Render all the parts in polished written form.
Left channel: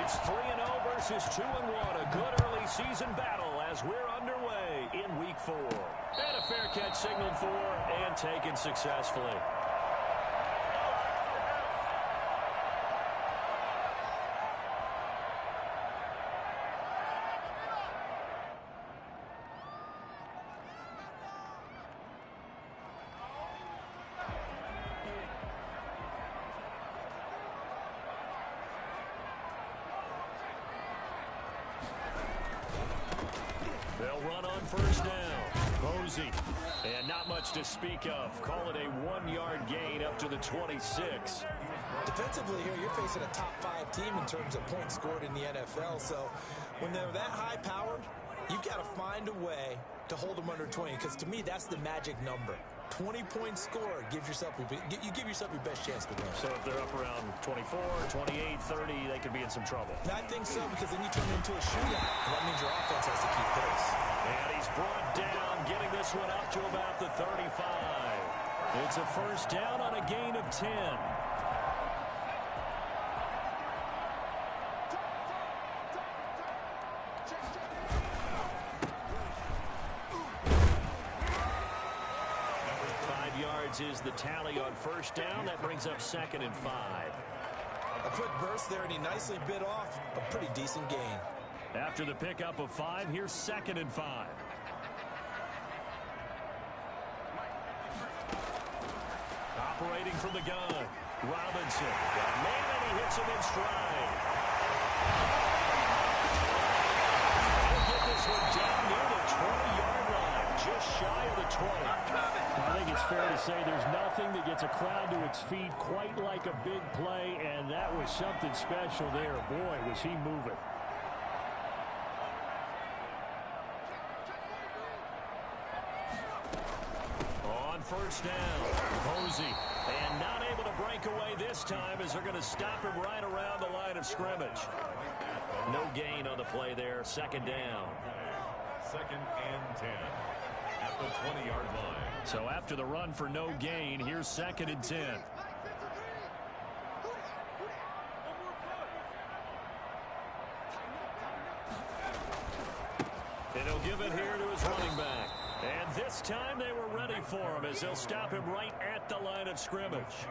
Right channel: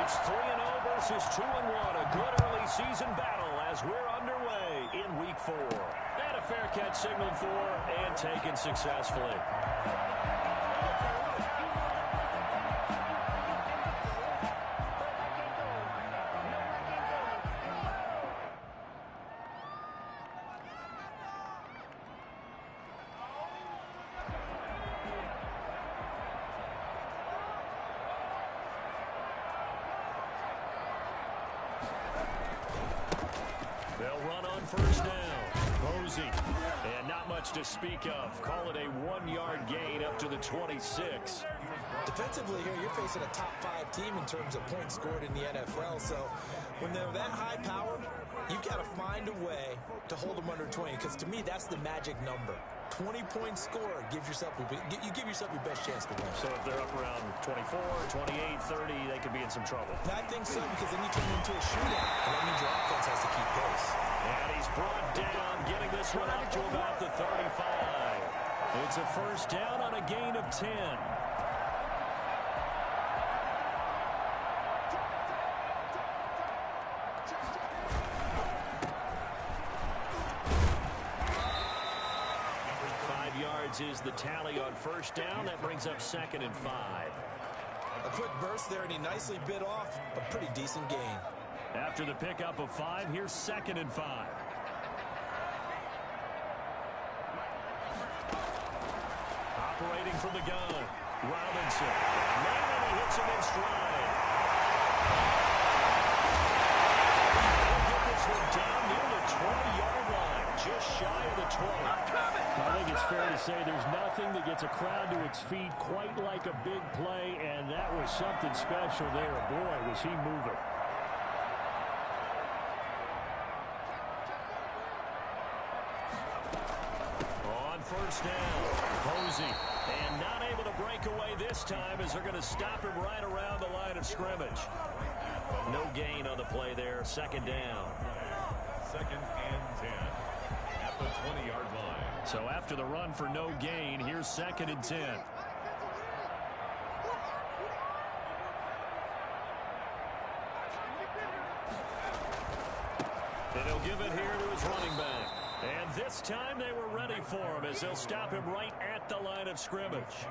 It's 3-0 versus 2-1. A good early season battle as we're underway in Week 4. And a fair catch signaled for and taken successfully. They'll run on first down. Posey. And not much to speak of. Call it a 1-yard gain up to the 26. Defensively here, you're facing a top 5 team in terms of points scored in the NFL. So when they're that high powered, you've got to find a way to hold them under 20. Because to me, that's the magic number. 20 points scored gives yourself you give yourself your best chance to win. So if they're up around 24, 28, 30, they could be in some trouble. I think so, because then you turn it into a shootout, and that means your offense has to keep pace. And he's brought down, getting this one up to about the 35. It's a first down on a gain of 10. 5 yards is the tally on first down. That brings up 2nd and 5. A quick burst there, and he nicely bit off a pretty decent gain. After the pickup of 5, here's 2nd and 5. Operating from the gun, Robinson. Got a man, and he hits him in stride. He'll get this one down near the 20-yard line, just shy of the 20. I think it's fair to say there's nothing that gets a crowd to its feet quite like a big play, and that was something special there. Boy, was he moving. On first down, Posey. And not able to break away this time as they're going to stop him right around the line of scrimmage. No gain on the play there, 2nd down. 2nd and 10 at the 20-yard line. So after the run for no gain, here's 2nd and 10. And he'll give it here to his running back. And this time they were ready for him as they'll stop him right at the line of scrimmage.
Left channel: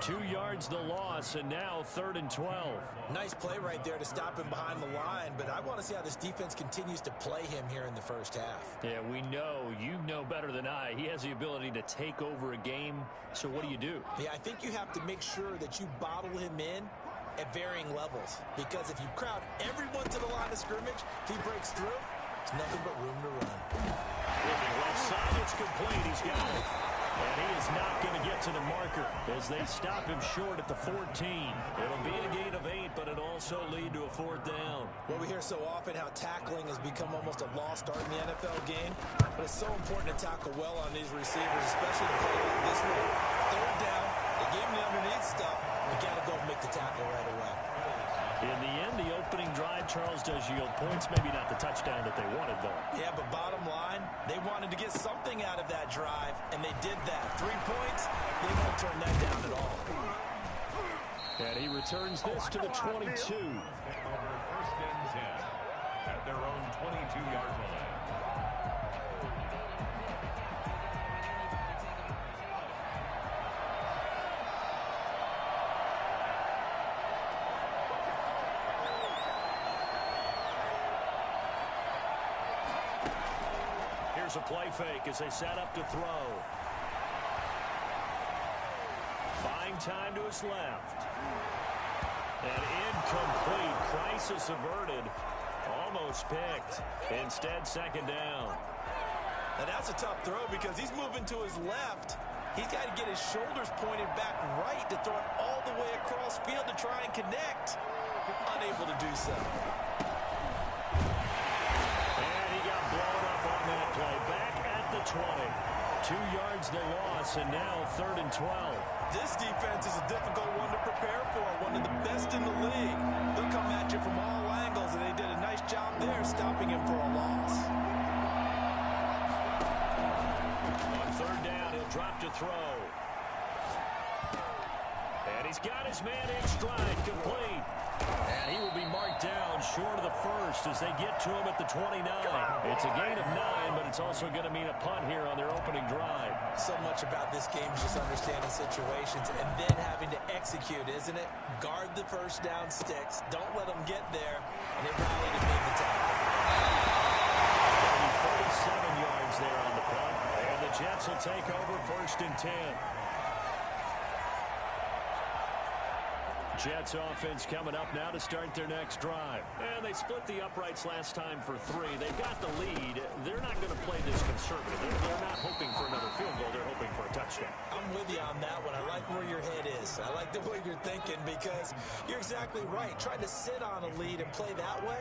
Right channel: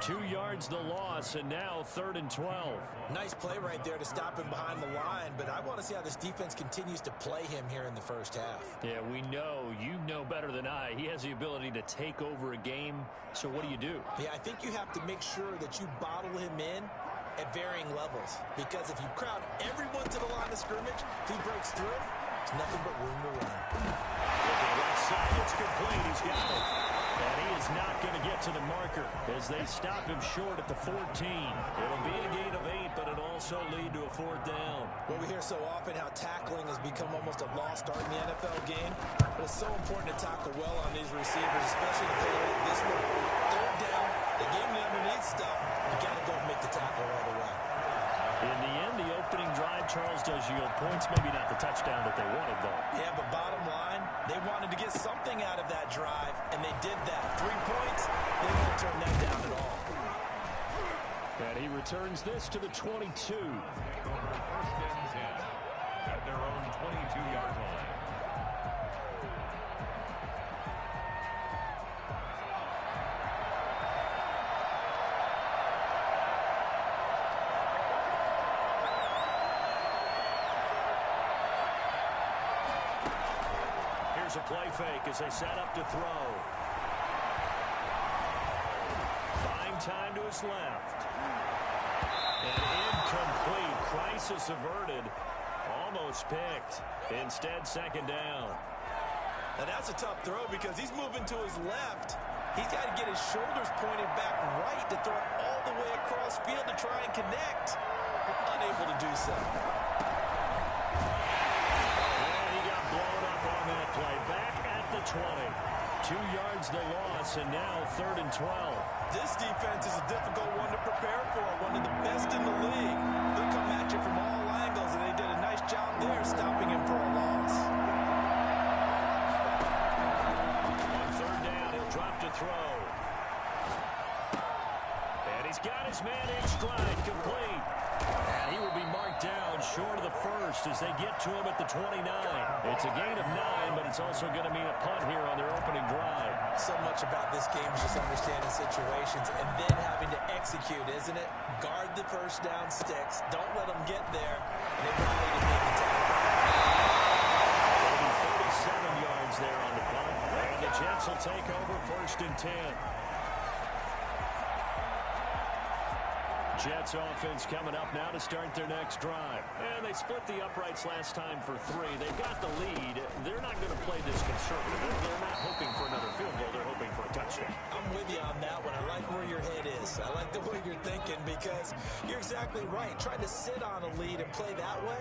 2 yards the loss, and now 3rd and 12. Nice play right there to stop him behind the line, but I want to see how this defense continues to play him here in the first half. Yeah, we know, you know better than I, he has the ability to take over a game, so what do? Yeah, I think you have to make sure that you bottle him in at varying levels, because if you crowd everyone to the line of scrimmage, if he breaks through, there's nothing but room to run. Looking left side, it's complete. He's got it. And he is not going to get to the marker as they stop him short at the 14. It'll be a gain of 8, but it'll also lead to a 4th down. Well, we hear so often how tackling has become almost a lost art in the NFL game, but it's so important to tackle well on these receivers, especially to play like this one. 3rd down, they gave him the underneath stuff. You got to go and make the tackle right away. In the end, the opening drive, Charles, does yield points. Maybe not the touchdown that they wanted, though. Yeah, but bottom line, they wanted to get something out of that drive, and they did that. 3 points, they won't turn that down at all. And he returns this to the 22. Take over 1st and 10 at their own 22-yard line. Here's a play fake as they set up to throw. Buying time to his left. And incomplete. Crisis averted. Almost picked. Instead, 2nd down. Now that's a tough throw because he's moving to his left. He's got to get his shoulders pointed back right to throw it all the way across field to try and connect. Unable to do so. Blown up on that play. Back at the 20. 2 yards the loss, and now 3rd and 12. This defense is a difficult one to prepare for. One of the best in the league. They'll come at you from all angles, and they did a nice job there stopping him for a loss. On 3rd down, he'll drop to throw. And And he's got his man in stride, complete. And he will be marked down short of the first as they get to him at the 29. It's a gain of 9, but it's also going to mean a punt here on their opening drive. So much about this game is just understanding situations and then having to execute, isn't it? Guard the first down sticks. Don't let them get there. And they rally to make the tackle. It'll be 37 yards there on the punt. And the Jets will take over 1st and 10. Jets offense coming up now to start their next drive. And they split the uprights last time for 3. They've got the lead. They're not going to play this conservative. They're not hoping for another field goal. They're hoping for a touchdown. I'm with you on that one. I like where your head is. I like the way you're thinking because you're exactly right. Trying to sit on a lead and play that way,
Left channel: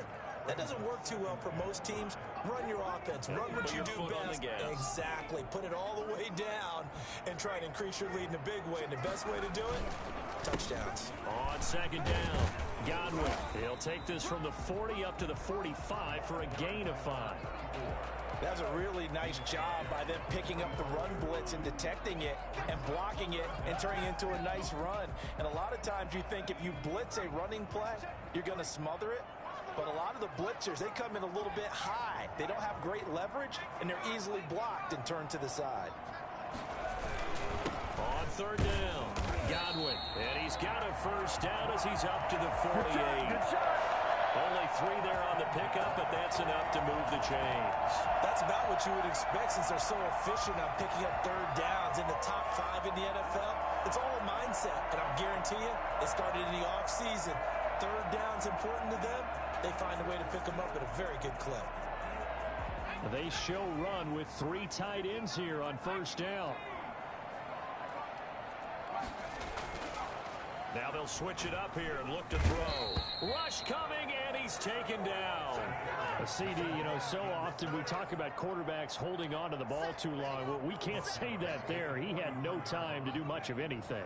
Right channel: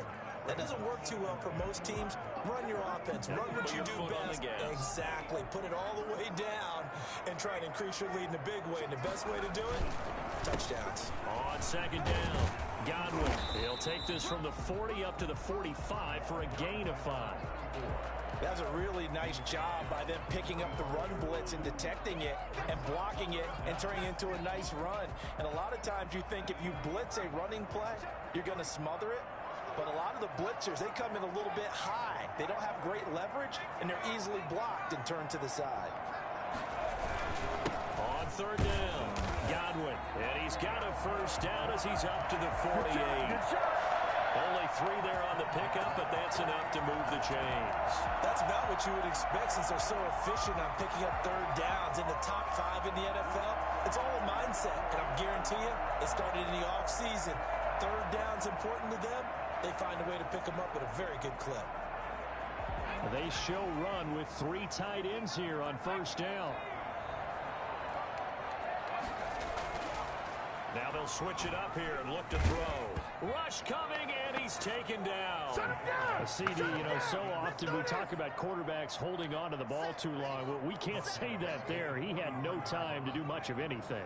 that doesn't work too well for most teams. Run your offense. Run what you do best. Exactly. Put it all the way down and try to increase your lead in a big way. And the best way to do it, touchdowns. On 2nd down, Godwin. He'll take this from the 40 up to the 45 for a gain of 5. That was a really nice job by them picking up the run blitz and detecting it and blocking it and turning it into a nice run. And a lot of times you think if you blitz a running play, you're going to smother it. But a lot of the blitzers, they come in a little bit high. They don't have great leverage, and they're easily blocked and turned to the side. On 3rd down, Godwin. And he's got a first down as he's up to the 48. Good shot. Only 3 there on the pickup, but that's enough to move the chains. That's about what you would expect since they're so efficient on picking up 3rd downs in the top 5 in the NFL. It's all a mindset, and I guarantee you, they started in the offseason. 3rd down's important to them. They find a way to pick them up at a very good clip. They show run with 3 tight ends here on 1st down. Now they'll switch it up here and look to throw. Rush coming, and he's taken down. CD, so often we talk about quarterbacks holding on to the ball too long. Well, we can't say that there. He had no time to do much of anything.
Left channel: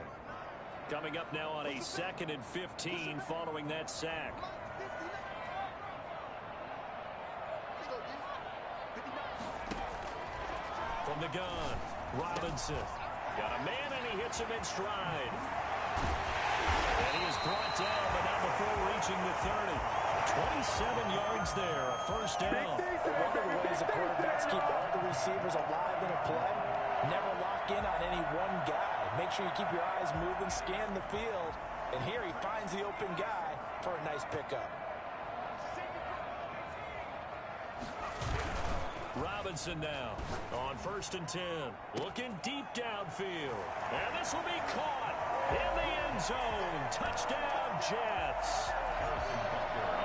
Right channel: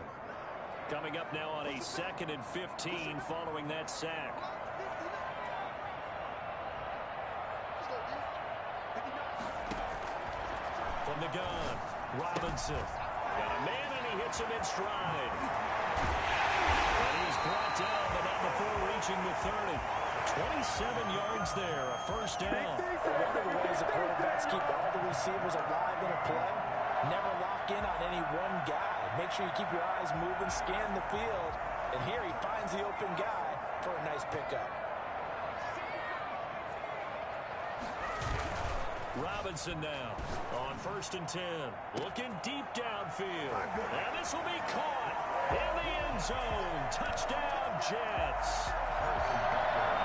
Coming up now on a 2nd and 15 following that sack. From the gun, Robinson. Got a man, and he hits him in stride. And he is brought down, but not before reaching the 30. 27 yards there, a first down. One of the ways the quarterbacks keep all the receivers alive in a play, never lock in on any one guy. Make sure you keep your eyes moving, scan the field. And here he finds the open guy for a nice pickup. Robinson now on 1st and 10. Looking deep downfield. And this will be caught in the end zone. Touchdown, Jets.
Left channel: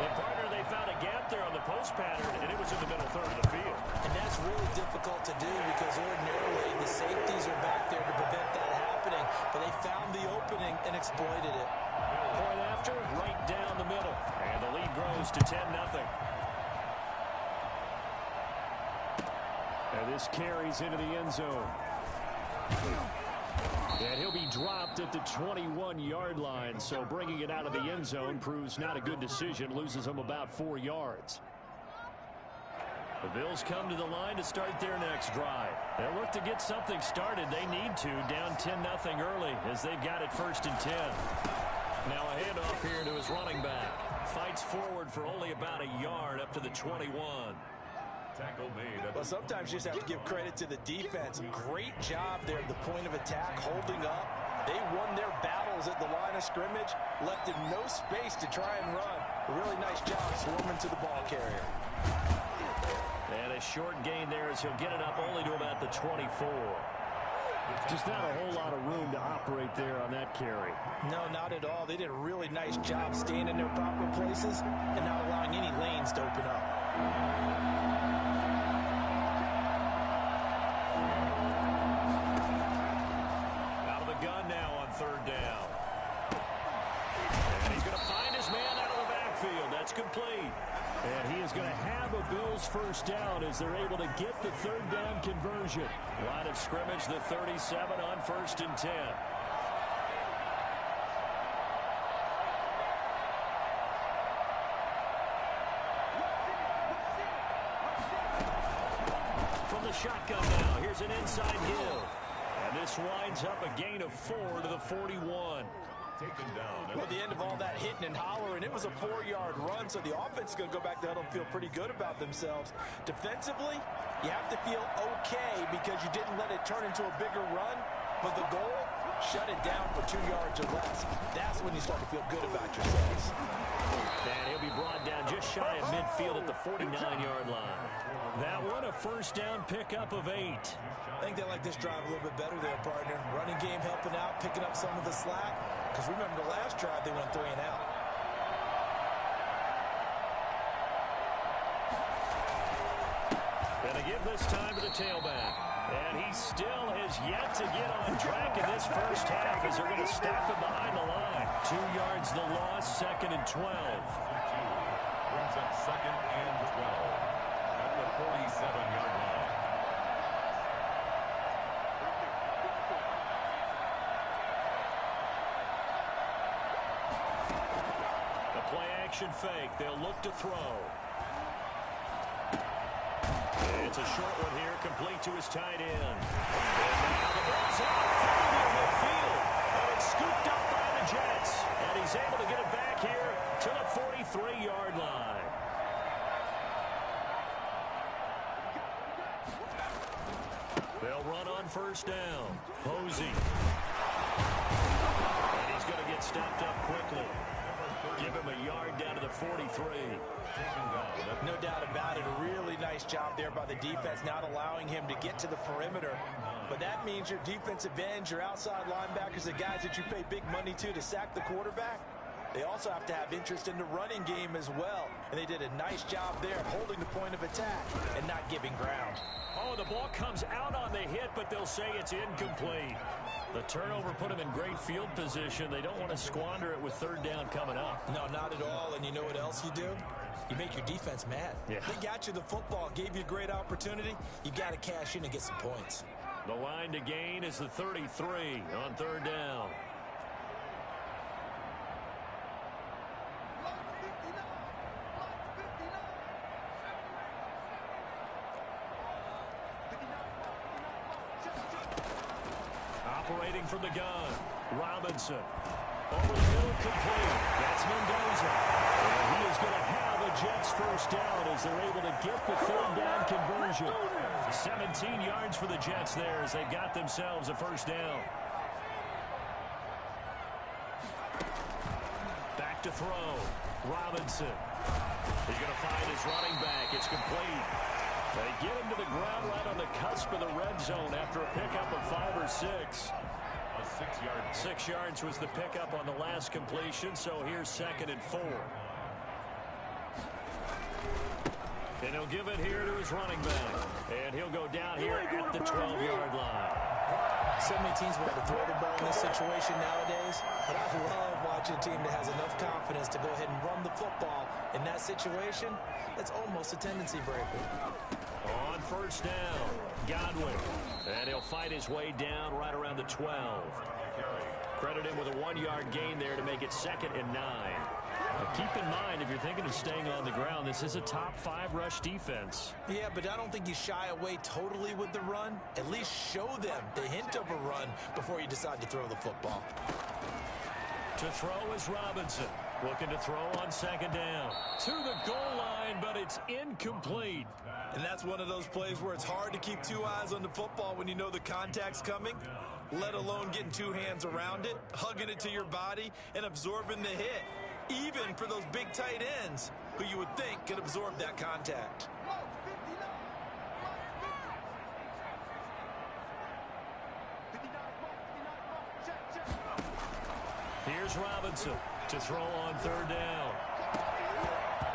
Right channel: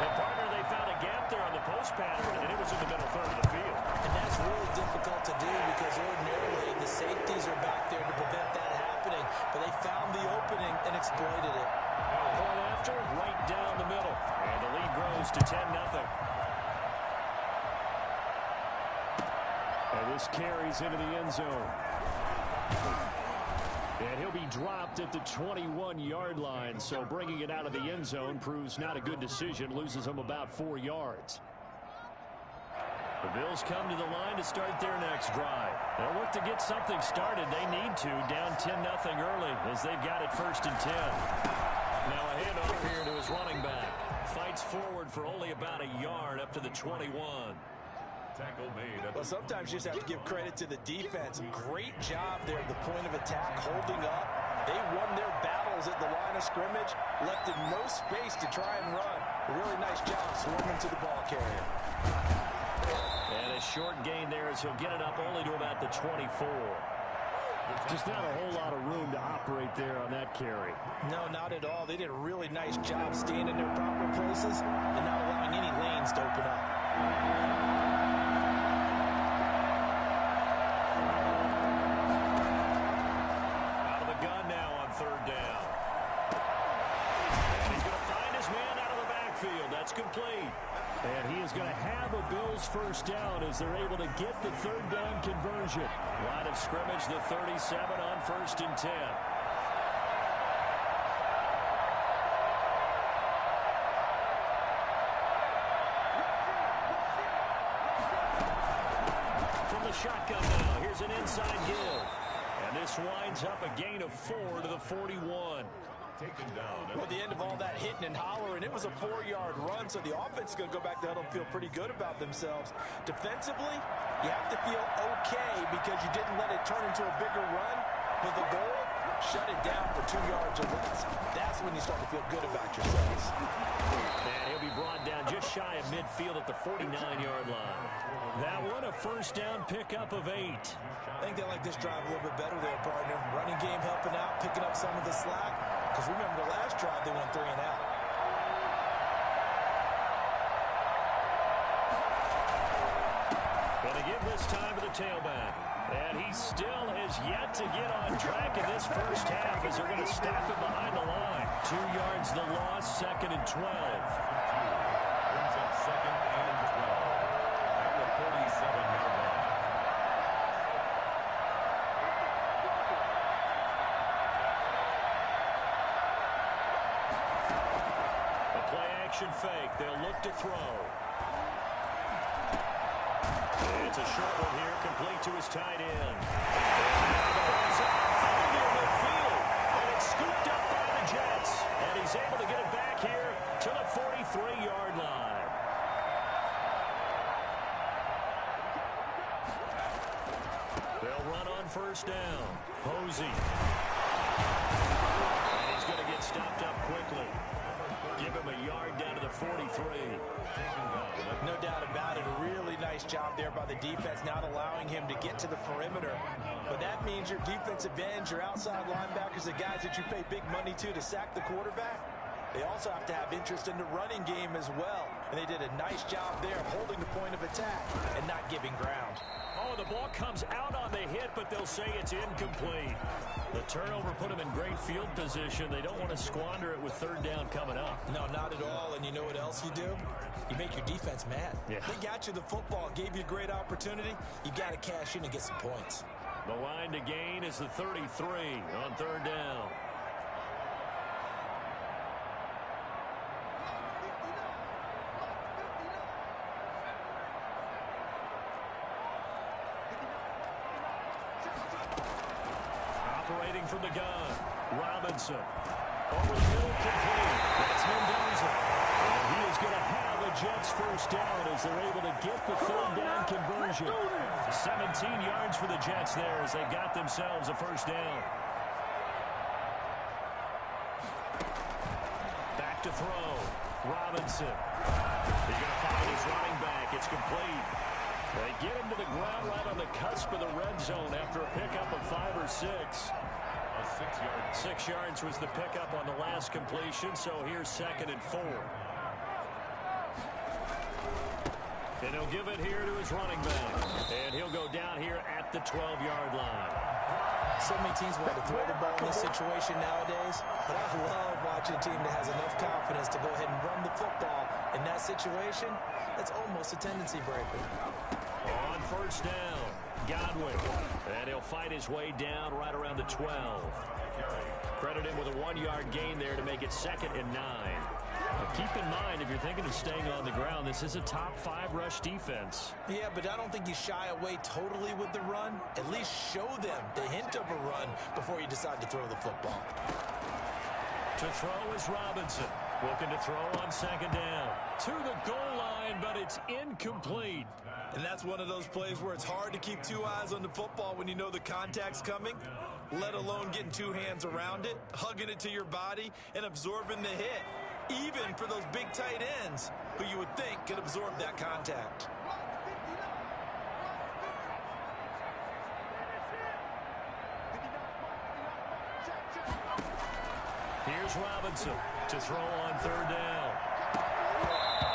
And partner, they found a gap there on the post pattern, and it was in the middle third of the field. And that's really difficult to do because ordinarily the safeties are back there to prevent that happening. But they found the opening and exploited it. Point after, right down the middle. And the lead grows to 10-0. And this carries into the end zone. And he'll be dropped at the 21-yard line, so bringing it out of the end zone proves not a good decision, loses him about 4 yards. The Bills come to the line to start their next drive. They'll look to get something started. They need to, down 10-0 early as they've got it 1st and 10. Now a handoff here to his running back. Fights forward for only about a yard up to the 21. Tackle made. Well, sometimes you just have to give credit to the defense. Great job there at the point of attack, holding up. They won their battles at the line of scrimmage, left him no space to try and run. A really nice job swarming to the ball carrier. And a short gain there as he'll get it up only to about the 24. Just not a whole lot of room to operate there on that carry. No, not at all. They did a really nice job staying in their proper places and not allowing any lanes to open up. Gun now on 3rd down. And he's going to find his man out of the backfield. That's complete. And he is going to have a Bills first down as they're able to get the 3rd down conversion. Line of scrimmage, the 37 on 1st and 10. From the shotgun now, here's an inside give. And this winds up a gain of 4 to the 41. taken down. Well, at the end of all that hitting and hollering, it was a 4-yard run, so the offense is going to go back to huddle and feel pretty good about themselves. Defensively, you have to feel okay because you didn't let it turn into a bigger run, but the goal, shut it down for 2 yards or less. That's when you start to feel good about yourselves. And he'll be brought down just shy of midfield at the 49-yard line. That one, a first down pickup of 8. I think they like this drive a little bit better there, partner. Running game helping out, picking up some of the slack. Because remember the last drive, they went 3 and out. Gonna give this time to the tailback. And he still has yet to get on track in this first half as they're going to stop him behind the line. 2 yards the loss, 2nd and 12. Brings up 2nd and 12 at the 47-yard line. A play-action fake. They'll look to throw. It's a short one here, complete to his tight end. And now the ball's out, fumbled near midfield. And it's scooped up by the Jets. And he's able to get it back here to the 43-yard line. They'll run on first down. Posey. And he's going to get stopped up quickly. Give him a yard down to the 43. No doubt about it. A really nice job there by the defense, not allowing him to get to the perimeter. But that means your defensive ends, your outside linebackers, the guys that you pay big money to sack the quarterback, they also have to have interest in the running game as well. And they did a nice job there of holding the point of attack and not giving ground. Oh, the ball comes out on the hit, but they'll say it's incomplete. The turnover put them in great field position. They don't want to squander it with 3rd down coming up. No, not at all. And you know what else you do? You make your defense mad. Yeah. They got you the football, gave you a great opportunity. You got to cash in and get some points. The line to gain is the 33 on 3rd down. Operating from the gun, Robinson. Over the middle, complete. That's Mendoza. And he is going to have a Jets first down as they're able to get the 3rd down conversion. 17 yards for the Jets there as they've got themselves a first down. Back to throw. Robinson. He's going to find his running back. It's complete. They get him to the ground right on the cusp of the red zone after a pickup of 5 or 6. A 6-yard. 6 yards was the pickup on the last completion, so here's 2nd and 4. And he'll give it here to his running back. And he'll go down here at the 12-yard line. So many teams want to throw the ball in this situation nowadays, but I love watching a team that has enough confidence to go ahead and run the football in that situation. That's almost a tendency breaker. On first down, Godwin. And he'll fight his way down right around the 12. Credit him with a 1-yard gain there to make it 2nd and 9. But keep in mind, if you're thinking of staying on the ground, this is a top 5 rush defense. Yeah, but I don't think you shy away totally with the run. At least show them the hint of a run before you decide to throw the football. To throw is Robinson. Looking to throw on 2nd down. To the goal line, but it's incomplete. And that's one of those plays where it's hard to keep 2 eyes on the football when you know the contact's coming, let alone getting 2 hands around it, hugging it to your body, and absorbing the hit. Even for those big tight ends who you would think could absorb that contact. Here's Robinson to throw on 3rd down.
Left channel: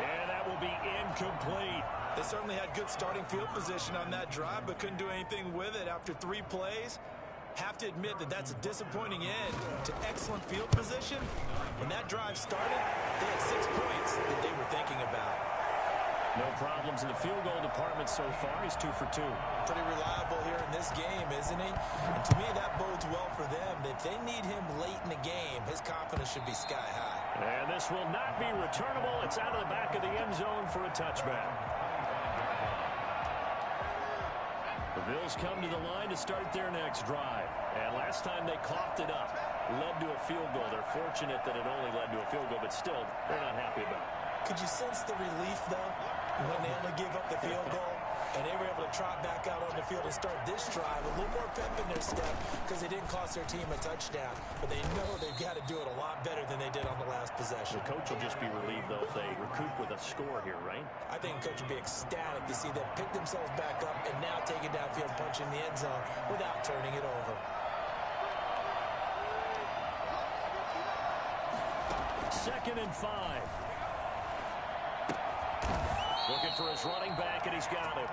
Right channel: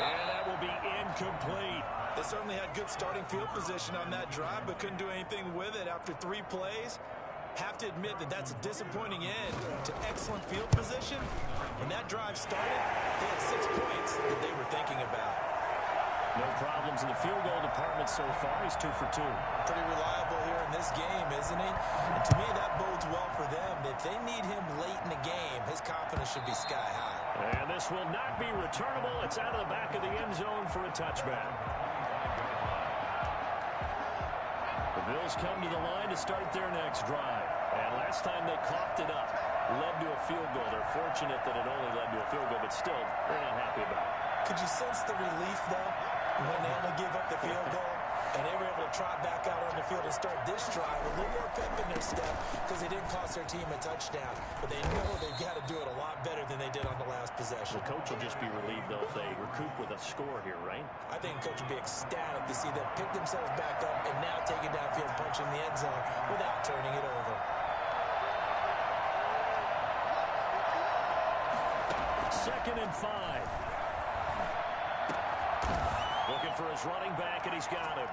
And that will be incomplete. They certainly had good starting field position on that drive, but couldn't do anything with it after 3 plays. Have to admit that that's a disappointing end to excellent field position. When that drive started, they had 6 points that they were thinking about. No problems in the field goal department so far. He's 2 for 2. Pretty reliable here in this game, isn't he? And to me, that bodes well for them. If they need him late in the game, his confidence should be sky high. And this will not be returnable. It's out of the back of the end zone for a touchback. The Bills come to the line to start their next drive. And last time they coughed it up. led to a field goal. They're fortunate that it only led to a field goal, but still, they're not happy about it. Could you sense the relief, though, when they only gave up the field goal? And they were able to trot back out on the field and start this drive. A little more pep in their step because they didn't cost their team a touchdown. But they know they've got to do it a lot better than they did on the last possession. The coach will just be relieved, though, if they recoup with a score here, right? I think the coach will be ecstatic to see them pick themselves back up and now take it downfield, punching the end zone without turning it over. Second and 5. Looking for his running back, and he's got him.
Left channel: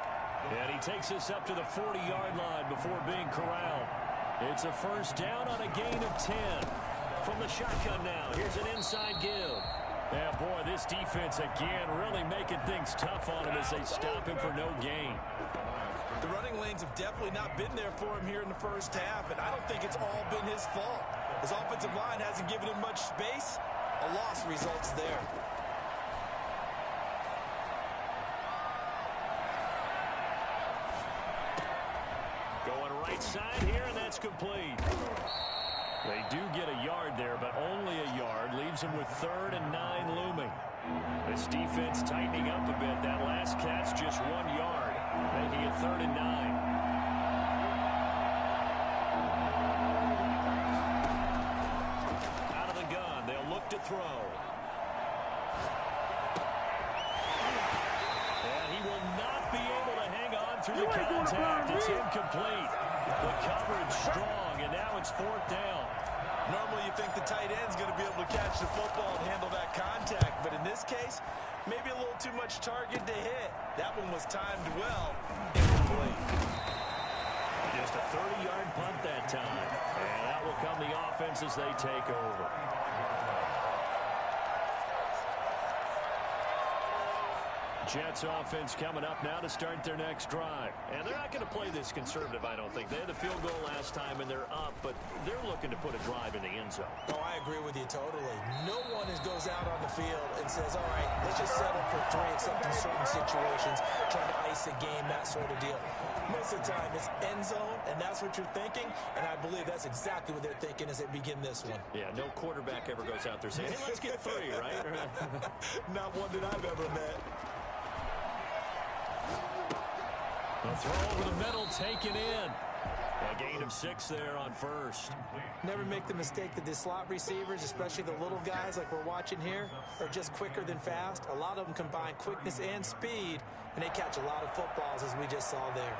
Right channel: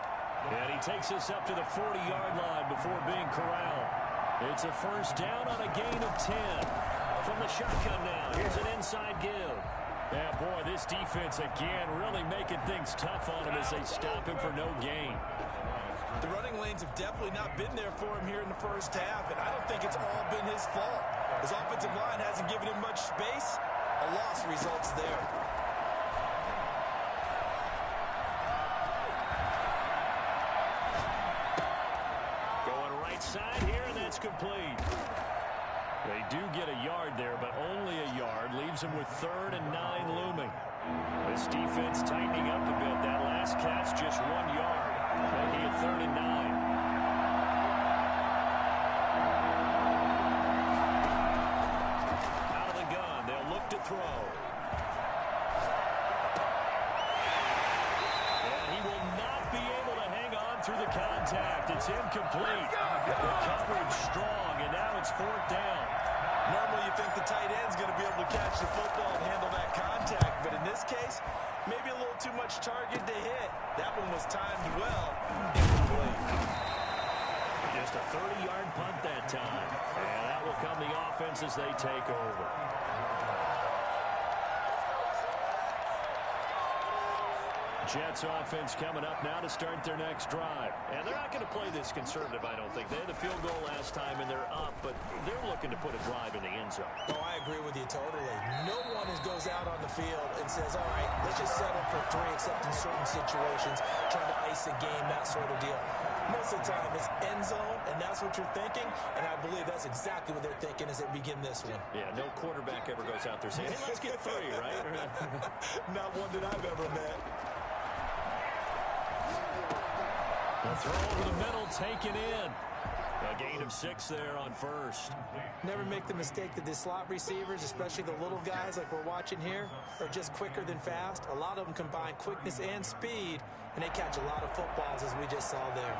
And he takes us up to the 40-yard line before being corralled. It's a first down on a gain of 10. From the shotgun now, here's an inside give. Yeah, boy, this defense again really making things tough on him as they stop him for no gain. The running lanes have definitely not been there for him here in the first half, and I don't think it's all been his fault. His offensive line hasn't given him much space. A loss results there. Side here, and that's complete. They do get a yard there, but only a yard. Leaves them with 3rd and 9 looming. This defense tightening up a bit. That last catch just 1 yard, making it 3rd and 9. Out of the gun, they'll look to throw. And he will not be able to hang on through the contact. It's incomplete. The coverage strong, and now it's 4th down. Normally you think the tight end's going to be able to catch the football and handle that contact, but in this case, maybe a little too much target to hit. That one was timed well. Incomplete. Just a 30-yard punt that time, and that will come the offense as they take over. Jets offense coming up now to start their next drive. And they're not going to play this conservative, I don't think. They had the field goal last time, and they're up, but they're looking to put a drive in the end zone. Oh, I agree with you totally. No one goes out on the field and says, all right, let's just settle for 3, except in certain situations, trying to ice a game, that sort of deal. Most of the time, it's end zone, and that's what you're thinking, and I believe that's exactly what they're thinking as they begin this one. Yeah, no quarterback ever goes out there saying, hey, let's get 3, right? Not one that I've ever met. The throw over the middle, taken in. A gain of 6 there on first. Never make the mistake that the slot receivers, especially the little guys like we're watching here, are just quicker than fast. A lot of them combine quickness and speed, and they catch a lot of footballs, as we just saw there.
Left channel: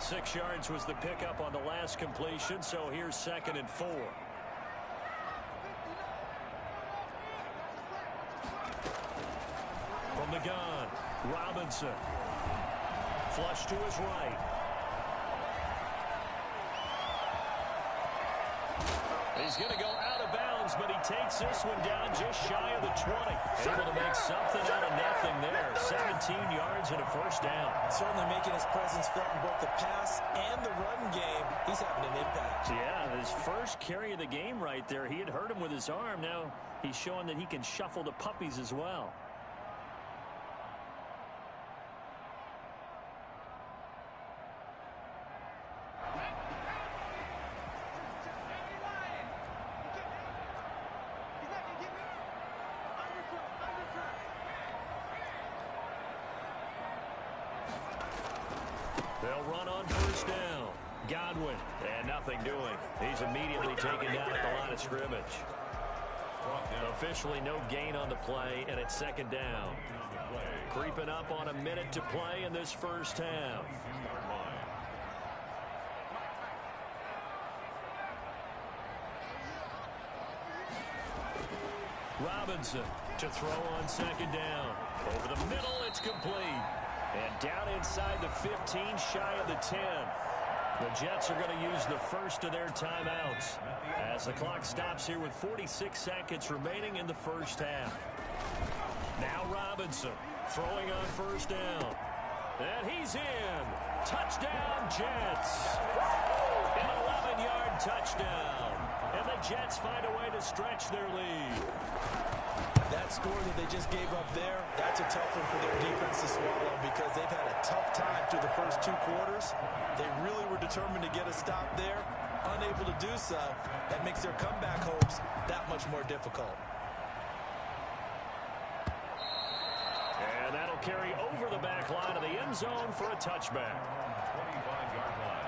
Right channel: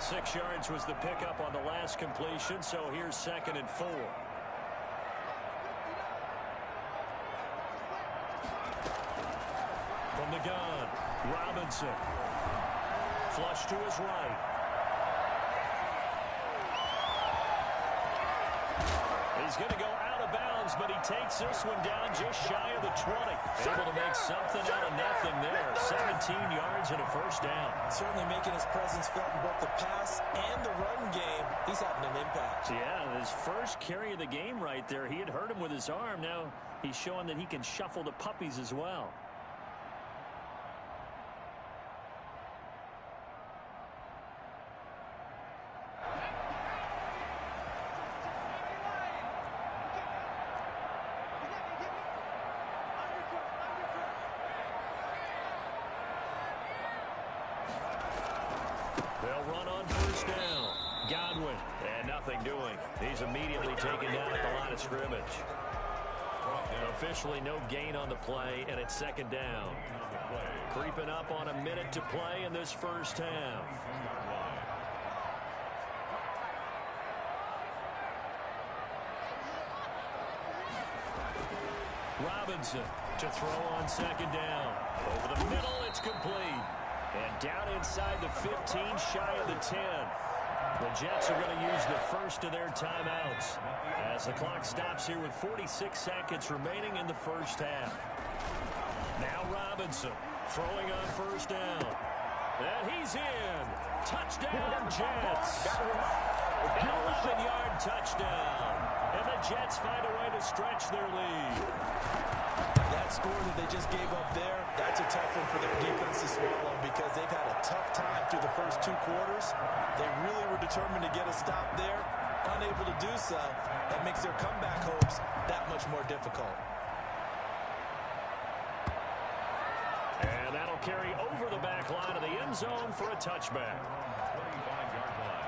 6 yards was the pickup on the last completion, so here's 2nd and 4. From the gun, Robinson. Flush to his right. He's going to go out of bounds, but he takes this one down just shy of the 20. Able to make something out of nothing there. 17 yards and a first down. Certainly making his presence felt in both the pass and the run game. He's having an impact. Yeah, his first carry of the game right there. He had hurt him with his arm. Now he's showing that he can shuffle the puppies as well. They'll run on first down. Godwin, and nothing doing. He's immediately taken down at the line of scrimmage. Officially no gain on the play, and it's 2nd down. Creeping up on a minute to play in this first half. Robinson to throw on 2nd down. Over the middle, it's complete. And down inside the 15, shy of the 10. The Jets are going to use the first of their timeouts as the clock stops here with 46 seconds remaining in the first half. Now Robinson throwing on first down. And he's in. Touchdown, Jets. An 11-yard touchdown. And the Jets find a way to stretch their lead. That score that they just gave up there, that's a tough one for their defense to swallow because they've had a tough time through the first 2 quarters. They really were determined to get a stop there, unable to do so, that makes their comeback hopes that much more difficult. And that'll carry over the back line of the end zone for a touchback. 25-yard line.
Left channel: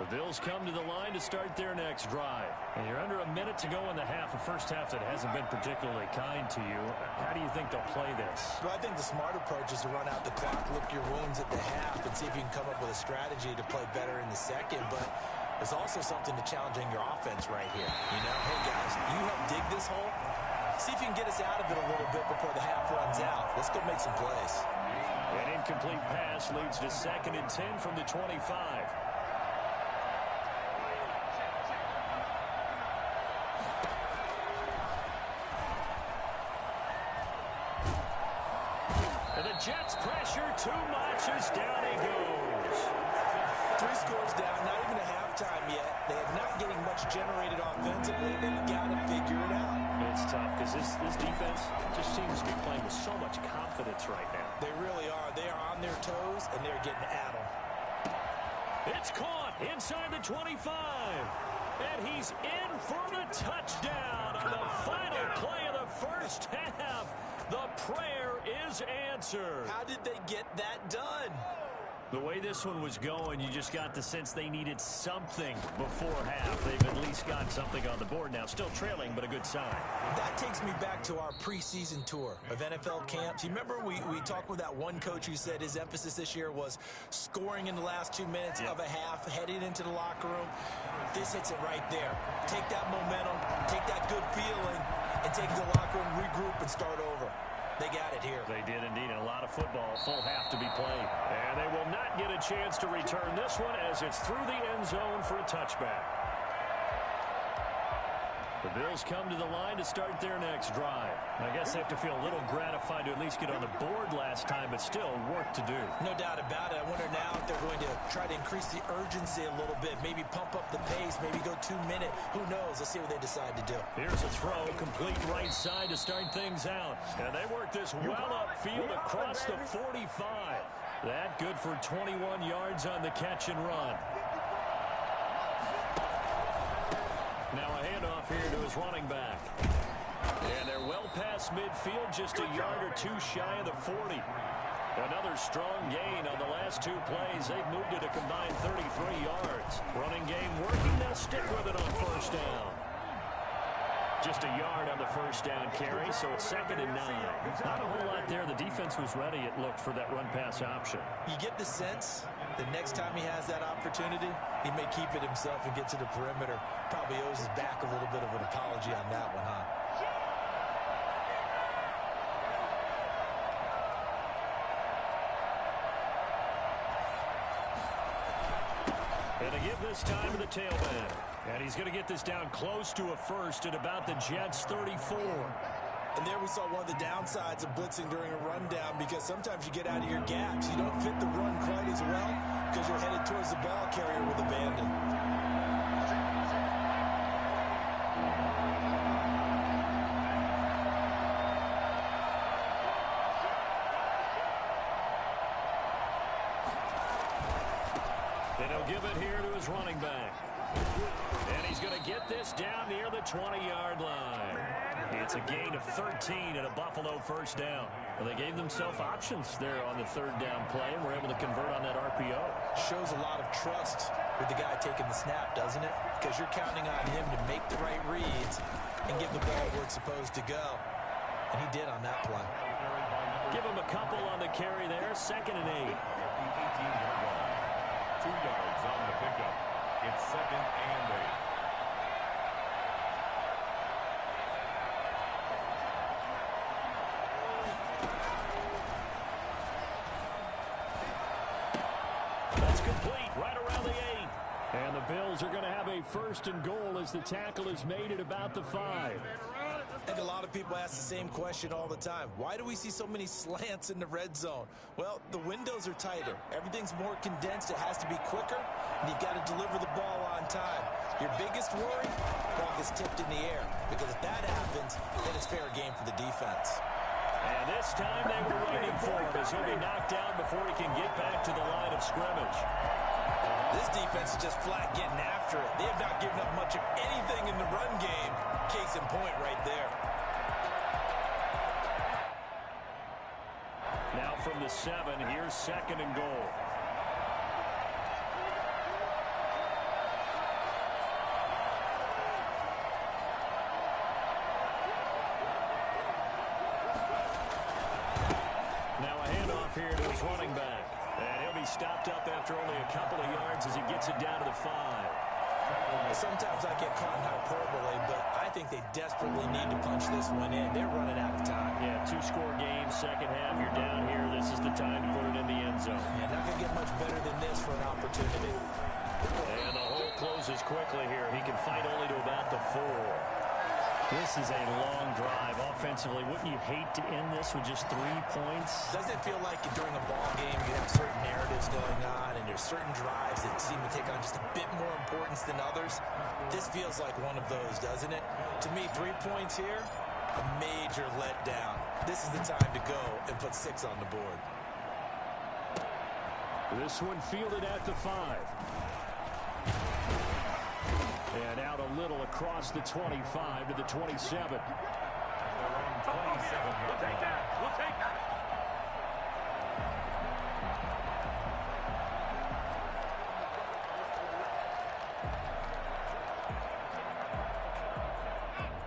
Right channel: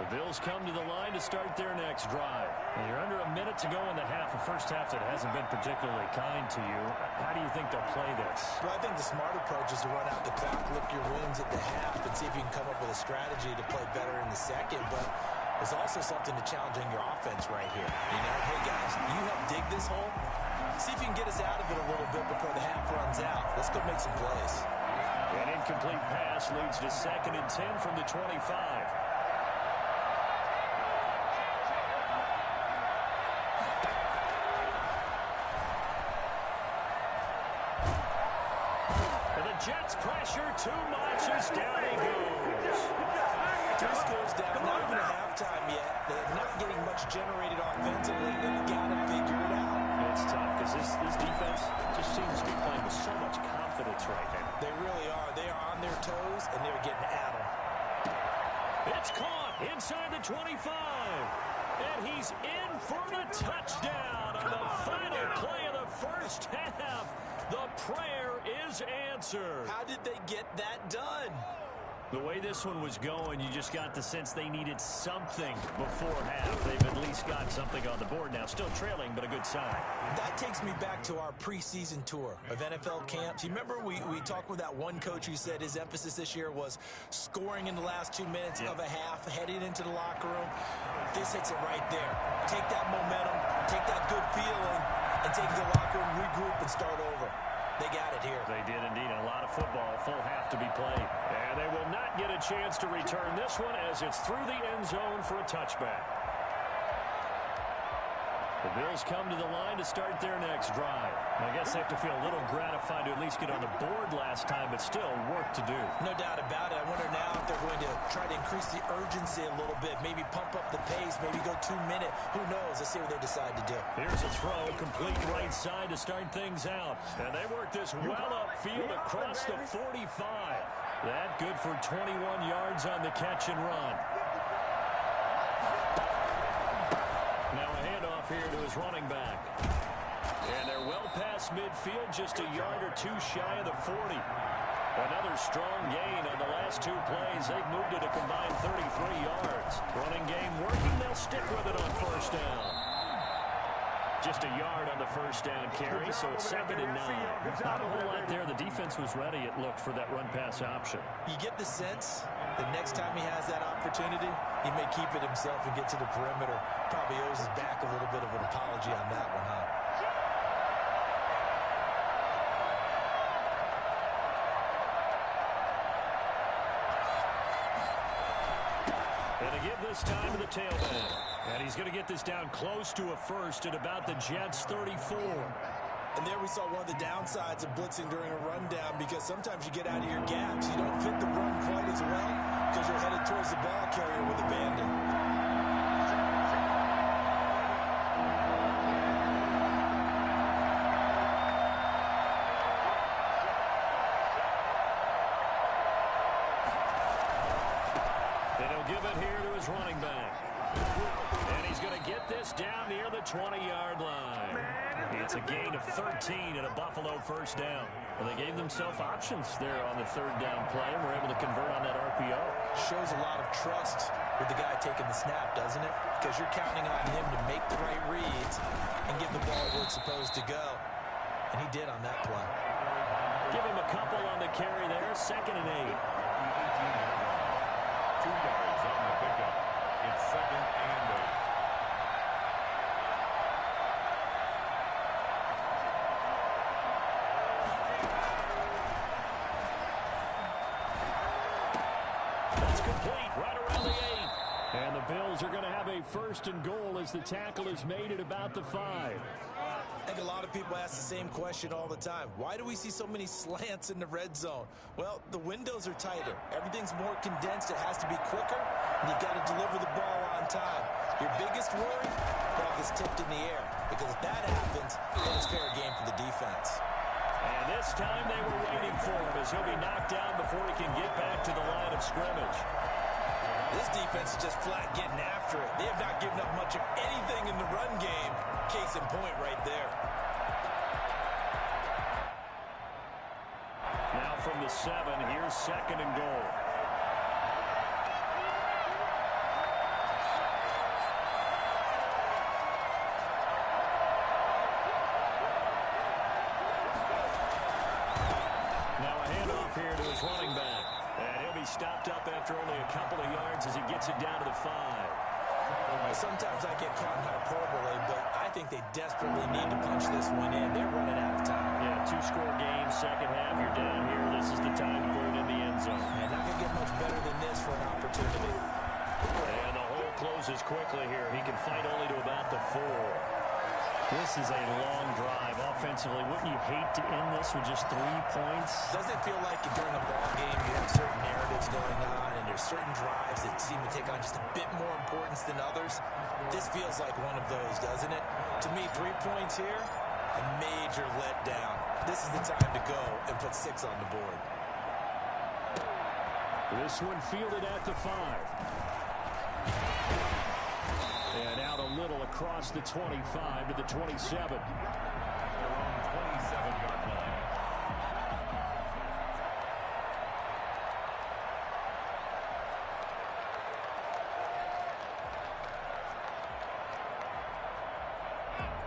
The Bills come to the line to start their next drive. And you're under a minute to go in the half, a first half that hasn't been particularly kind to you. How do you think they'll play this? Well, I think the smart approach is to run out the clock, lick your wounds at the half, and see if you can come up with a strategy to play better in the second. But there's also something to challenging your offense right here. You know, hey, guys, you help dig this hole. See if you can get us out of it a little bit before the half runs out. Let's go make some plays. An incomplete pass leads to 2nd and 10 from the 25. And the Jets pressure too much as down he goes. 3 scores down, not even a halftime yet. They are not getting much generated offensively. They've got to figure it out. It's tough because this defense just seems to be playing with so much confidence right now. They really are. They are on their toes, and they're getting at them. It's caught inside the 25. And he's in for the touchdown on the final play of the first half. The prayer is answered. How did they get that done? The way this one was going, you just got the sense they needed something before half. They've at least got something on the board now. Still trailing, but a good sign. That takes me back to our preseason tour of NFL camps. You remember we talked with that one coach who said his emphasis this year was scoring in the last 2 minutes of a half, heading into the locker room. This hits it right there. Take that momentum, take that good feeling, and take the locker room, regroup, and start over. They got it here. They did indeed, and a lot of football, full half to be played. And they will not get a chance to return this one as it's through the end zone for a touchback. The Bills come to the line to start their next drive. I guess they have to feel a little gratified to at least get on the board last time, but still work to do. No doubt about it. I wonder now if they're going to try to increase the urgency a little bit, maybe pump up the pace, maybe go 2 minute. Who knows? Let's see what they decide to do. Here's a throw, complete right side to start things out. And they work this well upfield across the 45. That good for 21 yards on the catch and run. Now a handoff here to his running back. And they're well past midfield, just a yard or two shy of the 40. Another strong gain on the last 2 plays. They've moved it a combined 33 yards. Running game working. They'll stick with it on first down. Just a yard on the first down carry, so it's 2nd and 9. Not a whole lot there. The defense was ready, it looked, for that run-pass option. You get the sense the next time he has that opportunity, he may keep it himself and get to the perimeter. Probably owes his back a little bit of an apology on that one, huh? And they give this time to the tailback. And he's going to get this down close to a first at about the Jets' 34. And there we saw one of the downsides of blitzing during a rundown, because sometimes you get out of your gaps. You don't fit the run quite as well because you're headed towards the ball carrier with abandon. And he'll give it here to his running back. And he's going to get this down near the 20-yard line. It's a gain of 13 and a Buffalo first down. Well, they gave themselves options there on the 3rd down play and were able to convert on that RPO. Shows a lot of trust with the guy taking the snap, doesn't it? Because you're counting on him to make the right reads and give the ball where it's supposed to go. And he did on that play. Give him a couple on the carry there. 2nd and 8. 2 yards on the pickup. It's 2nd and 8. That's complete right around the 8. And the Bills are going to have a 1st and goal as the tackle is made at about the 5. I think a lot of people ask the same question all the time. Why do we see so many slants in the red zone? Well, the windows are tighter. Everything's more condensed. It has to be quicker, and you've got to deliver the ball on time. Your biggest worry? Ball gets tipped in the air, because if that happens, then it's fair game for the defense. And this time they were waiting for him as he'll be knocked down before he can get back to the line of scrimmage. This defense is just flat getting after it. They have not given up much of anything in the run game. Case in point right there. Now from the 7, here's 2nd and goal. Now a handoff here to his running back. And he'll be stopped up after only a couple of yards as he gets it down to the 5. Sometimes I get caught in hyperbole, but I think they desperately need to punch this one in. They're running out of time. Yeah, 2-score game, second half. You're down here. This is the time to put it in the end zone. Yeah, not going to get much better than this for an opportunity. And the hole closes quickly here. He can fight only to about the 4. This is a long drive offensively. Wouldn't you hate to end this with just 3 points? Doesn't it feel like during a ball game you have certain narratives going on and there's certain drives that seem to take on just a bit more importance than others? This feels like one of those, doesn't it? To me, 3 points here, a major letdown. This is the time to go and put 6 on the board. This one fielded at the 5. And out a little across the 25 to the 27. Their own 27-yard line.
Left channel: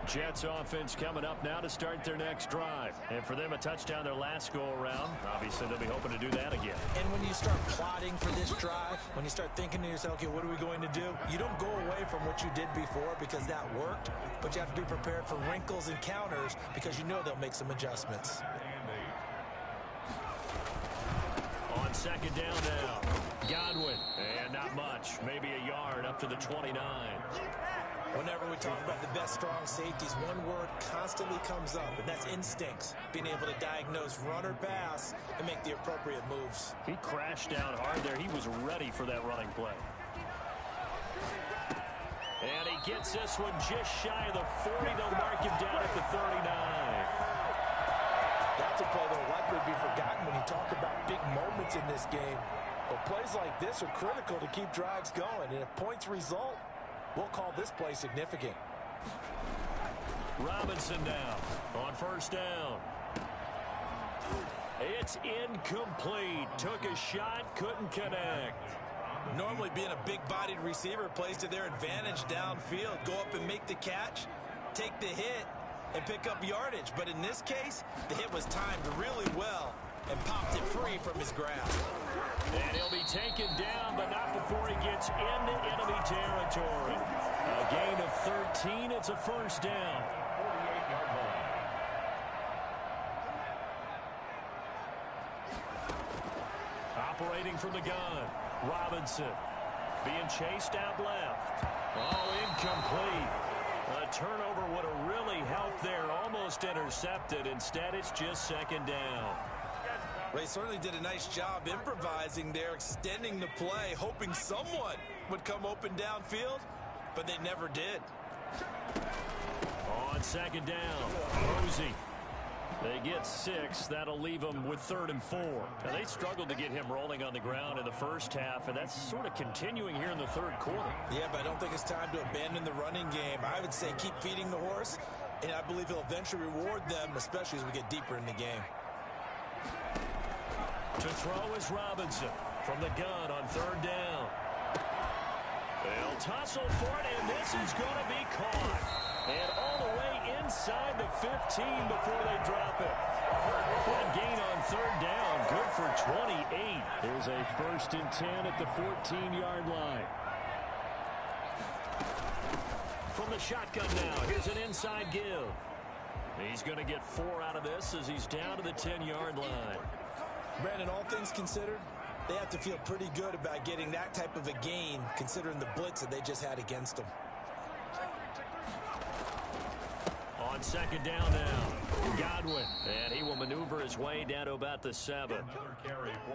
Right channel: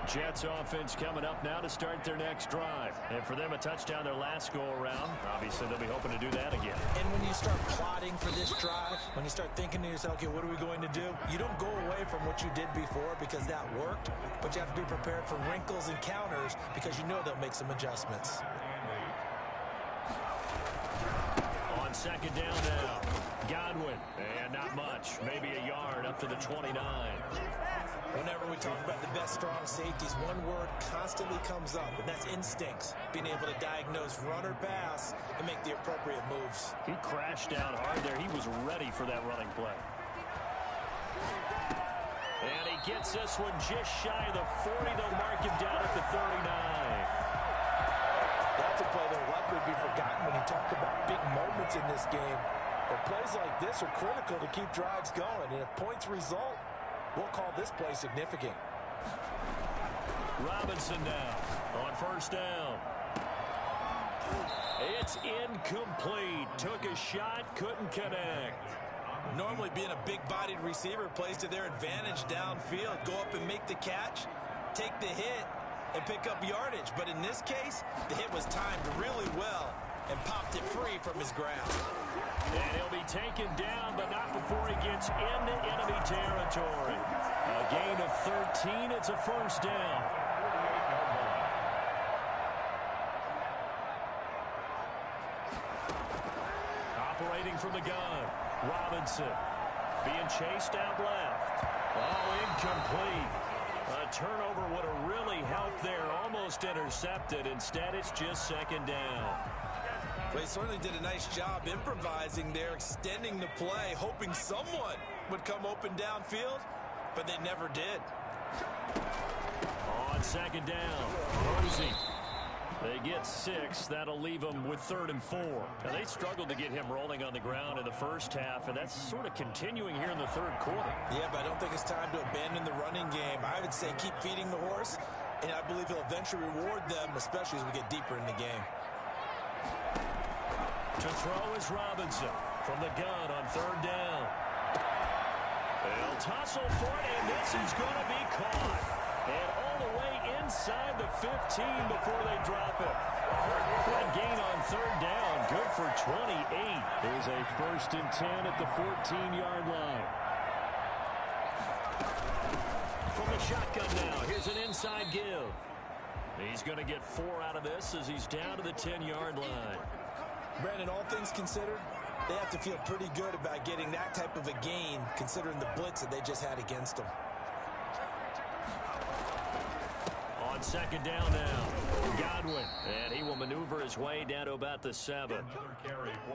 Jets offense coming up now to start their next drive. And for them, a touchdown their last go-around. Obviously, they'll be hoping to do that again. And when you start plotting for this drive, when you start thinking to yourself, okay, what are we going to do? You don't go away from what you did before because that worked, but you have to be prepared for wrinkles and counters because you know they'll make some adjustments. On 2nd down now, Godwin. And not much, maybe a yard up to the 29. Whenever we talk about the best strong safeties, one word constantly comes up, and that's instincts. Being able to diagnose run or pass and make the appropriate moves. He crashed down hard there. He was ready for that running play. And he gets this one just shy of the 40. They'll mark him down at the 39. That's a play that will likely be forgotten when you talk about big moments in this game. But plays like this are critical to keep drives going, and if points result, we'll call this play significant. Robinson now on 1st down. It's incomplete. Took a shot, couldn't connect. Normally being a big-bodied receiver plays to their advantage downfield. Go up and make the catch, take the hit, and pick up yardage. But in this case, the hit was timed really well and popped it free from his grasp. And he'll be taken down, but not before he gets into enemy territory. A gain of 13. It's a 1st down. 48-yard line. Operating from the gun, Robinson. Being chased out left. Oh, incomplete. A turnover would have really helped there. Almost intercepted. Instead, it's just 2nd down. Well, he certainly did a nice job improvising there, extending the play, hoping someone would come open downfield, but they never did. On 2nd down, Posey. They get 6. That'll leave them with 3rd and 4. Now, they struggled to get him rolling on the ground in the first half, and that's sort of continuing here in the 3rd quarter. Yeah, but I don't think it's time to abandon the running game. I would say keep feeding the horse, and I believe he'll eventually reward them, especially as we get deeper in the game. To throw is Robinson from the gun on 3rd down. They'll tussle for it, and this is going to be caught. And all the way inside the 15 before they drop it. That gain on 3rd down, good for 28. There's a 1st and 10 at the 14-yard line. From the shotgun now, here's an inside give. He's going to get 4 out of this as he's down to the 10-yard line. Brandon, all things considered, they have to feel pretty good about getting that type of a gain, considering the blitz that they just had against them. On 2nd down now, Godwin, and he will maneuver his way down to about the 7.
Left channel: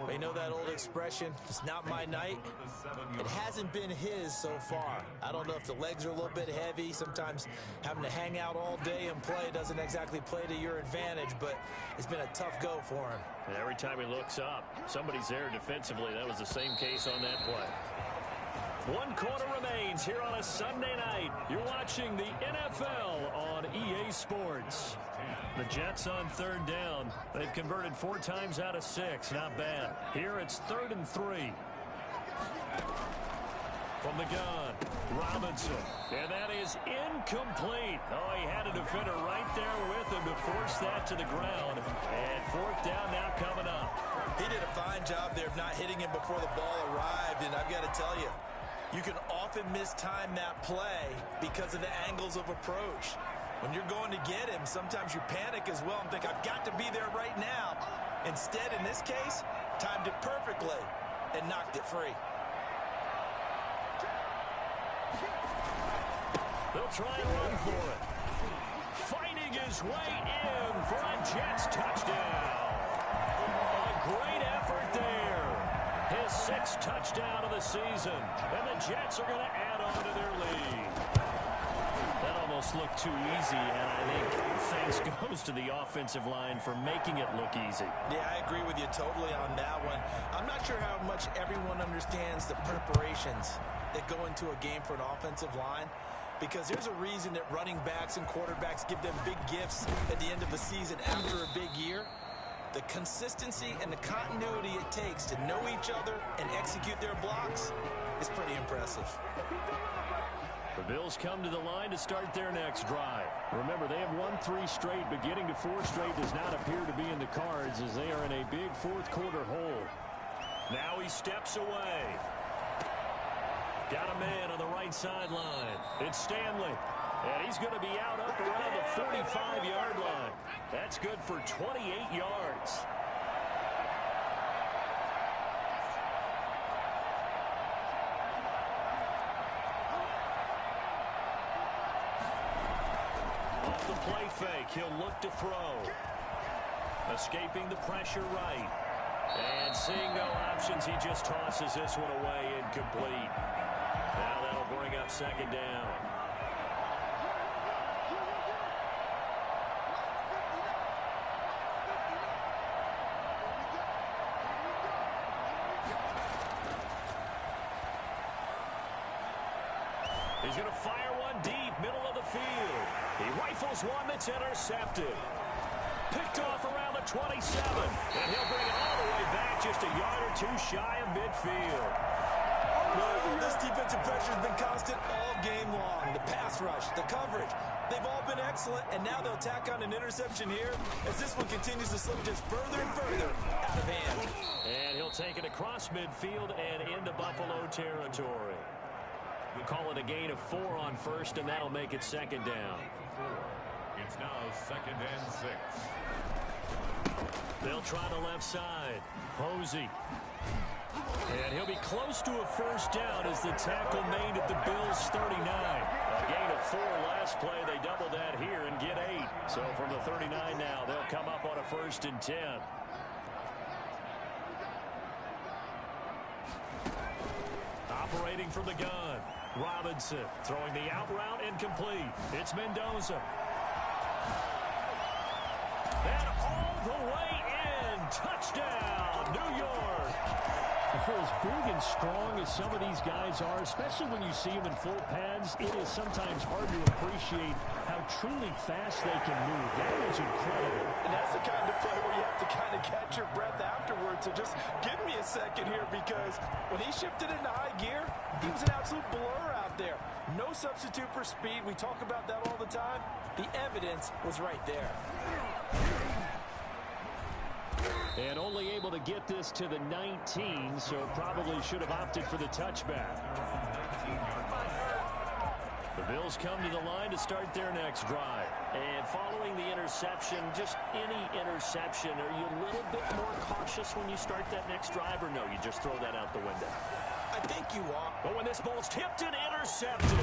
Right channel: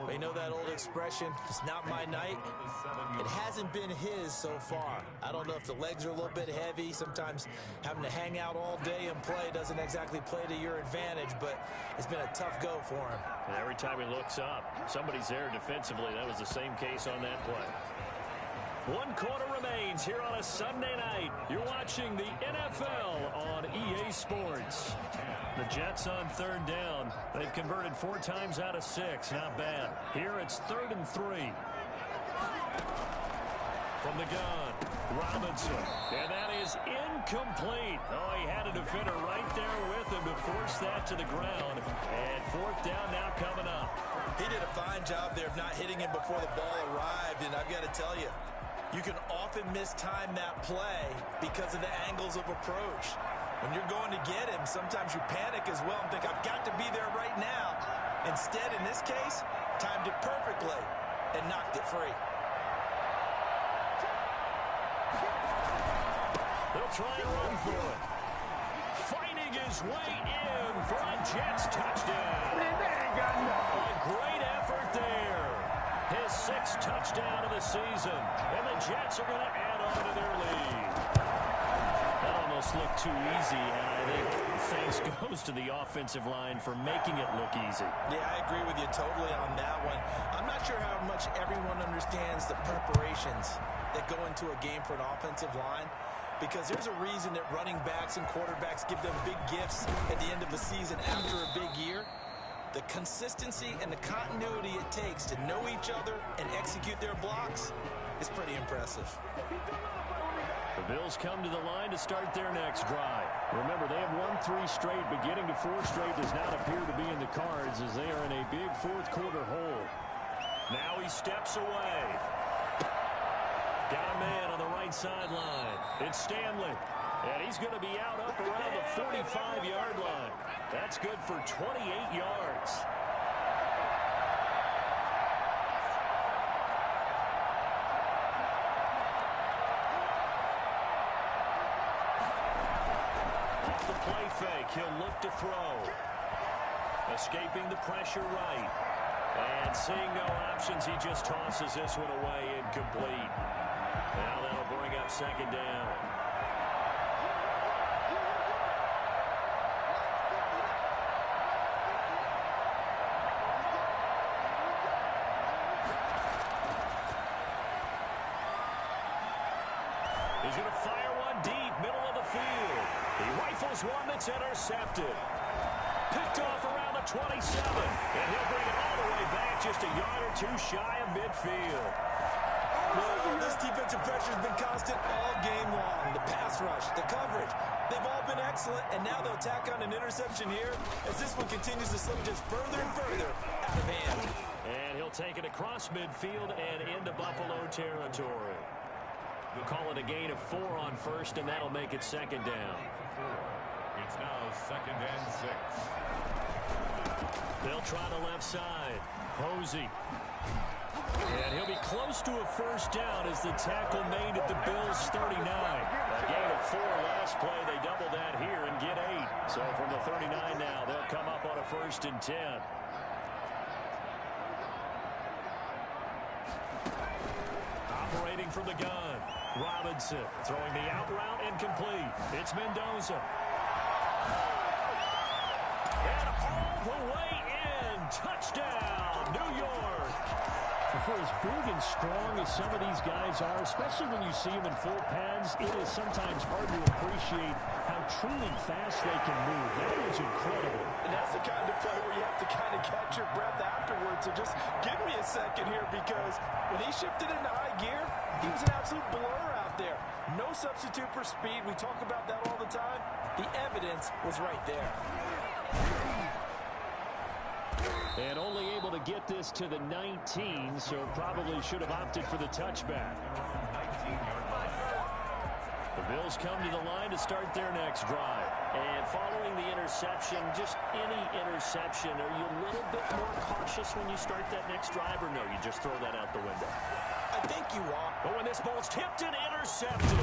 They know that old expression, it's not my night. It hasn't been his so far. I don't know if the legs are a little bit heavy. Sometimes having to hang out all day and play doesn't exactly play to your advantage, but it's been a tough go for him. And every time he looks up, somebody's there defensively. That was the same case on that play. One quarter remains here on a Sunday night. You're watching the NFL on EA Sports. The Jets on third down. They've converted 4 times out of 6. Not bad. Here it's 3rd and 3. From the gun, Robinson. And that is incomplete. Oh, he had a defender right there with him to force that to the ground. And 4th down now coming up. He did a fine job there of not hitting him before the ball arrived. And I've got to tell you, you can often mistime that play because of the angles of approach. When you're going to get him, sometimes you panic as well and think, I've got to be there right now. Instead, in this case, timed it perfectly and knocked it free. They'll try and run for it. Fighting his way in for a Jets touchdown. A great effort there. His 6th touchdown of the season. And the Jets are going to add on to their lead. That almost looked too easy, and I think thanks goes to the offensive line for making it look easy. Yeah, I agree with you totally on that one. I'm not sure how much everyone understands the preparations that go into a game for an offensive line, because there's a reason that running backs and quarterbacks give them big gifts at the end of the season after a big year. The consistency and the continuity it takes to know each other and execute their blocks is pretty impressive. The Bills come to the line to start their next drive. Remember, they have won 3 straight, but getting to 4 straight does not appear to be in the cards as they are in a big 4th quarter hole. Now he steps away. Got a man on the right sideline. It's Stanley. And he's going to be out up around the 45-yard line. That's good for 28 yards. Off the play fake, he'll look to throw. Escaping the pressure right. And seeing no options, he just tosses this one away incomplete. Now that'll bring up 2nd down. He's going to fire one deep, middle of the field. He rifles one that's intercepted. Picked off around the 27. And he'll bring it all the way back just a yard or 2 shy of midfield. This defensive pressure has been constant all game long. The pass rush, the coverage, they've all been excellent. And now they'll tack on an interception here as this one continues to slip just further and further out of hand. And he'll take it across midfield and into Buffalo territory. We'll call it a gain of 4 on 1st, and that'll make it 2nd down. It's now 2nd and 6. They'll try the left side. Posey. And he'll be close to a 1st down as the tackle made at the Bills' 39. A gain of 4 last play. They double that here and get 8. So from the 39 now, they'll come up on a 1st and 10. Operating from the gun. Robinson throwing the out route incomplete. It's Mendoza. And all the way in. Touchdown, New York. For as big and strong as some of these guys are, especially when you see them in full pads, it is sometimes hard to appreciate how truly fast they can move. That was incredible. And that's the kind of play where you have to kind of catch your breath afterwards. So just give me a second here, because when he shifted into high gear, he was an absolute blur out there. No substitute for speed. We talk about that all the time. The evidence was right there. And only able to get this to the 19, so probably should have opted for the touchback. The Bills come to the line to start their next drive. And following the interception, just any interception, are you a little bit more cautious when you start that next drive, or no, you just throw that out the window? I think you are. But when this ball's tipped and intercepted,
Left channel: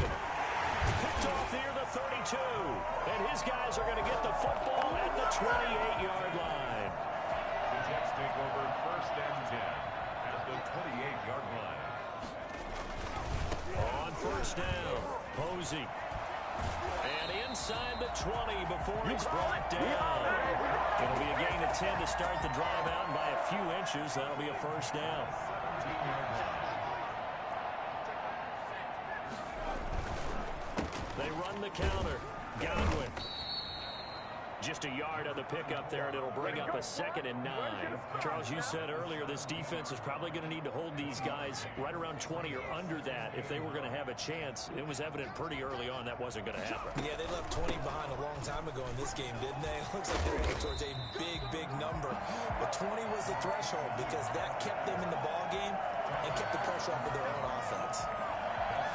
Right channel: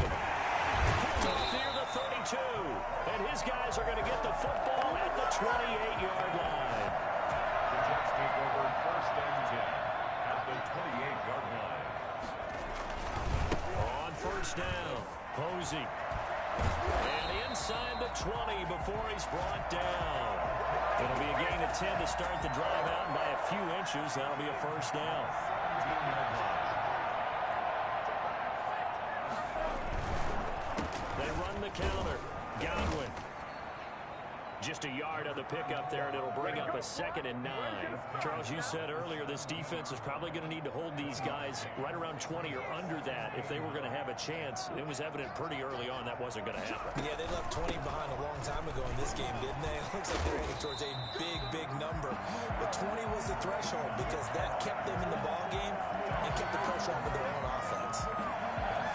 picked off near the 32. And his guys are going to get the football at the 28-yard line. The Jets take over 1st and 10 at the 28-yard line. On 1st down, Posey. And inside the 20 before he's brought down. It'll be a gain of 10 to start the drive out, and by a few inches, that'll be a 1st down. 17-yard line. They run the counter. Godwin. Just a yard on the pickup there, and it'll bring up a 2nd and 9. Charles, you said earlier this defense is probably going to need to hold these guys right around 20 or under that if they were going to have a chance. It was evident pretty early on that wasn't going to happen. Yeah, they left 20 behind a long time ago in this game, didn't they? It looks like they're headed towards a big number. But 20 was the threshold because that kept them in the ball game and kept the pressure off of their own offense.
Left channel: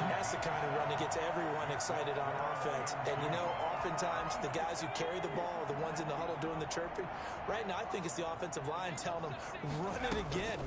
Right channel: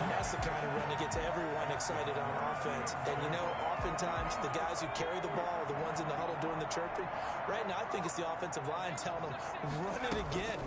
And that's the kind of run that gets everyone excited on offense. And, you know, oftentimes the guys who carry the ball are the ones in the huddle doing the chirping. Right now, I think it's the offensive line telling them, run it again.